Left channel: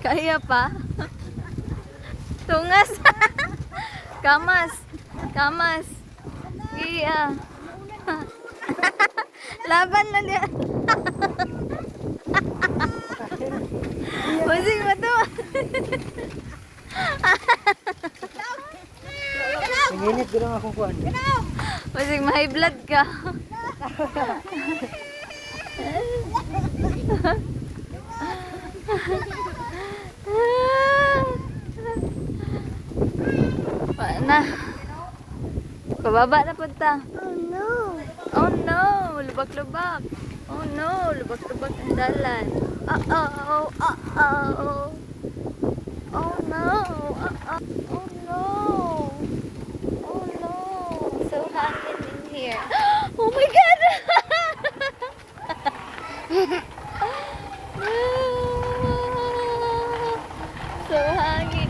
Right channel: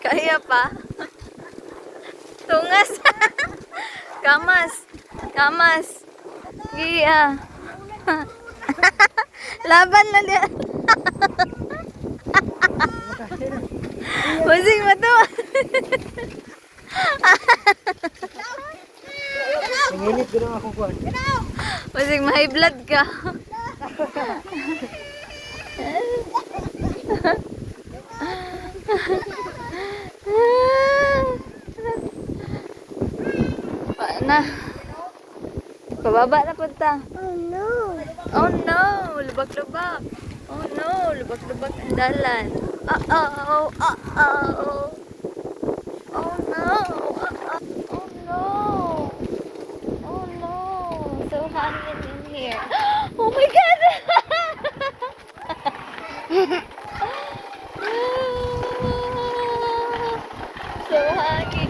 Kaya pa. Tungas. Kamas. Kamas. Iya. Laban na niya. Pusing mo to. Nanginit gano'n ako kuhan. Pusing may blood ka. Na. Pababa na punta. Oh no. Oh no, lubak-lubak. Oh no, lubak-lubak ang dalan. Uh-oh, uh-oh. Oh no, oh no. Oh no, so hangin in here. Oh my God! So hangin.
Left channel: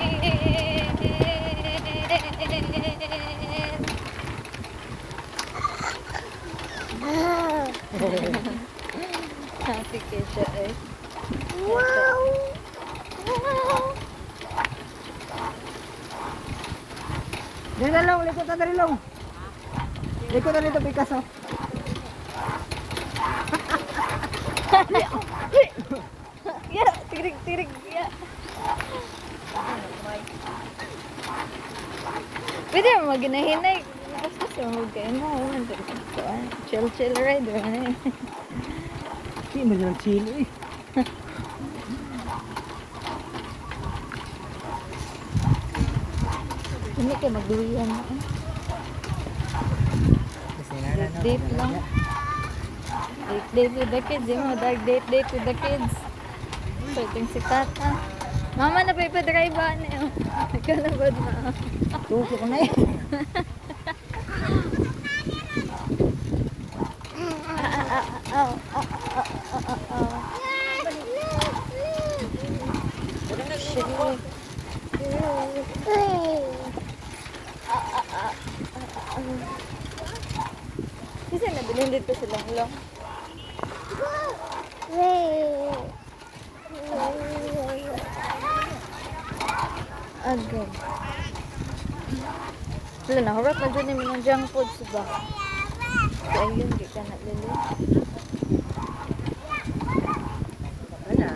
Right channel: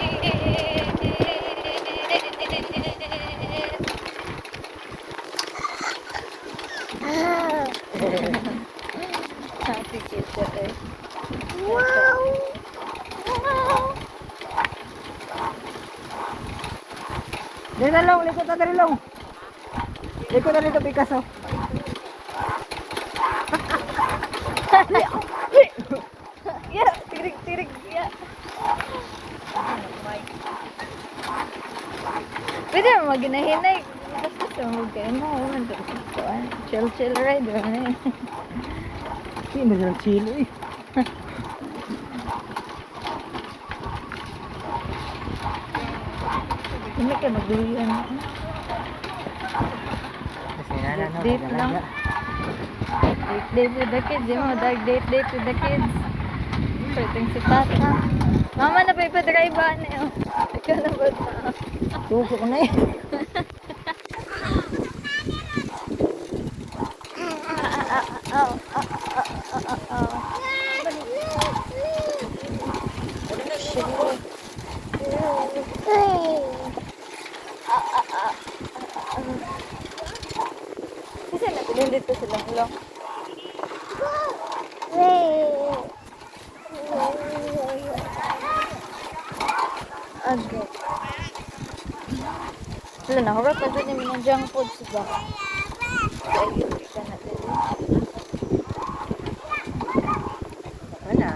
Happy kita eh. Wow. Dito na lang, likot na rin lang. Likot na rin ito, Picasso. Ya, tirik-tirik ya. Pwede mo maginahinay. Basta sa huwag kayo mo. Chill-chill ride. Sino nag-chili? Hindi kayo magduyan. Kasi nana na. Date lang. Date with the kids. Yung mga date with the kids. Pwedeng si Tata. Mama na pa ipadrive ba na yun? Ikaw na ba na? Tuko ko na eh. Kasi nabilin dito silang lang. Agad. Wala na, huwag na doon namin ng junk food siya. Kaya yun, kita na dali. Wala.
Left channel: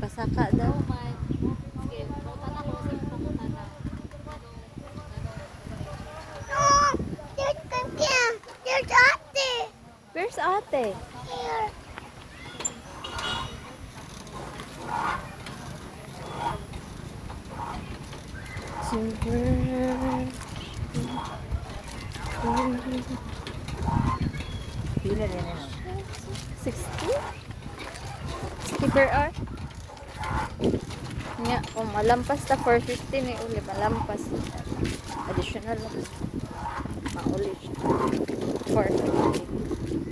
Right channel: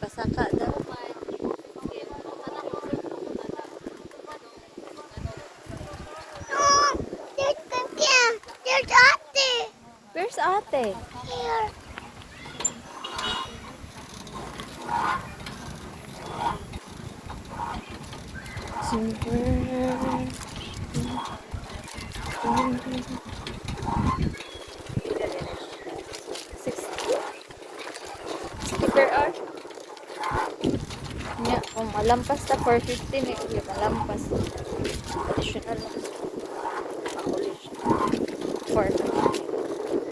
Kasaka daw. There's ate. Where's ate? Here. Silver. 60 per hour? Nga, kung malampas na 450 na ulit, malampas. Additional lang. Maulit. 450.